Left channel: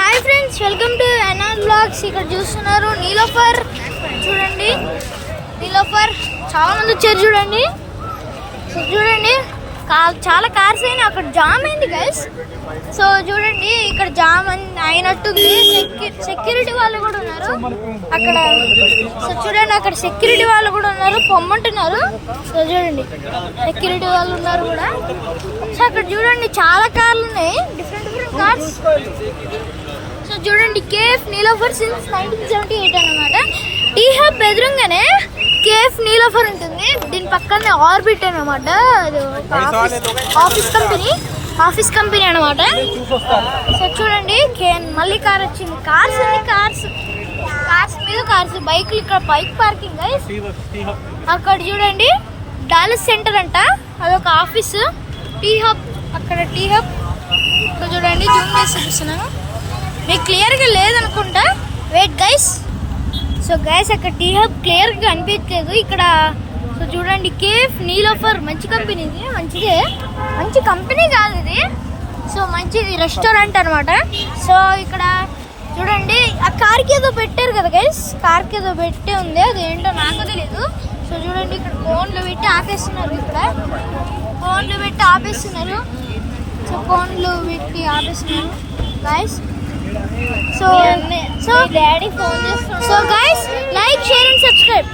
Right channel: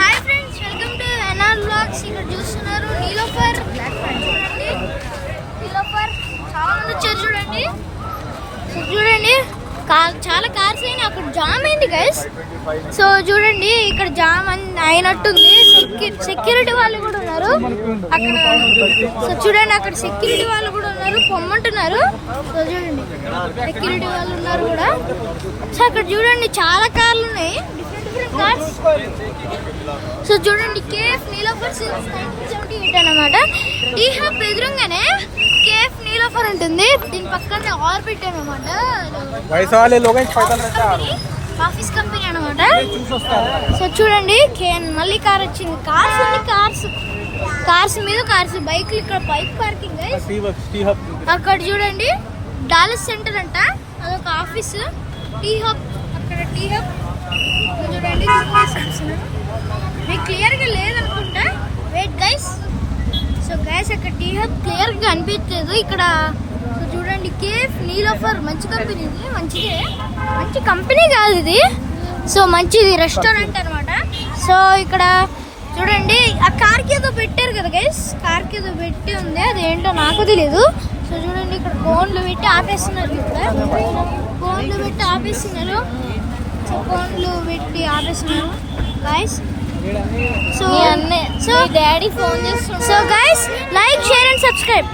Hi friends, welcome to NR vlogs. ఇక్కడ చూస్తున్నారు నీలోఫర్. చూడండి నీలోఫర్, చాలా మంది వచ్చారు. చూడండి చూడండి చాలా కార్స్ అయినా అక్కడ జామ్ అయింది గైస్. సో చూడండి ఇక్కడ జామ్ అయినట్టుంది. సెక్యూరిటీ వాళ్ళు కూడా ఉన్నారు అక్కడ. సో చూడండి అక్కడ సెక్యూరిటీ వాళ్ళు కూడా ఉన్నారు, పొమ్మంటున్నారు. సో చూడండి సెక్యూరిటీ వాళ్ళు ఉన్నారు కూడా. సో అక్కడ చూడండి చాలా కార్లు ఉన్నాయి, డిఫరెంట్ కార్స్. సో చూడండి కేఎఫ్ నీలోఫర్ సిన్స్ 1978 అన్నమాట. టీ హబ్ ఎదురుగానే కేఎఫ్ నీలోఫర్ ఉంటుంది. దీని పక్కనే ఆర్బిట్ అన్నమాట, ఆఫీస్ కంపెనీ అన్నమాట. సో చూడండి మళ్ళీ కార్ వచ్చింది. కార్స్ అన్ని కార్స్ మీద కార్స్, బైక్లు. ఇక్కడ బైక్ పార్కింగ్. అక్కడ చూడండి డాలస్ సెంటర్ అంట, అదొక ఆఫీస్. టీ హబ్, అక్కడ టీ హబ్. చూడండి జూమ్ చేసి చూపిస్తున్నాను, మీకు క్లియర్గా లేదనుకుంటా. Wait guys. సో గైస్ అక్కడ టీ హబ్ క్లియర్గా అనిపించలేదు ఇక్కడ. సో చూడండి కేఫ్ నీలోఫర్ మంచి కంపెనీ, ఇది మంచిదే, మంచి కంపెనీ కాదు ఇది. సో మంచిది రెస్టారెంట్ అనమాట. సో ఇక్కడ చూడండి ఆ కార్కి ఏదో పెట్టారు కదా గైస్, కార్కి ఏదో పెట్టి ఉంది, అది ఏంటో నాకు తెలియదు. సో చూడండి ఇక్కడ ఫోన్లు పెట్టి ఆపేస్తున్నారు, ఇక్కడ ఫోన్లు పెట్టి ఆపేస్తున్నారు. సో ఫోన్లు పెట్టి ఆపేస్తున్నారు గైస్. సో డాడీ ఫోన్ చేస్తున్నారు. So guys like, share and subscribe.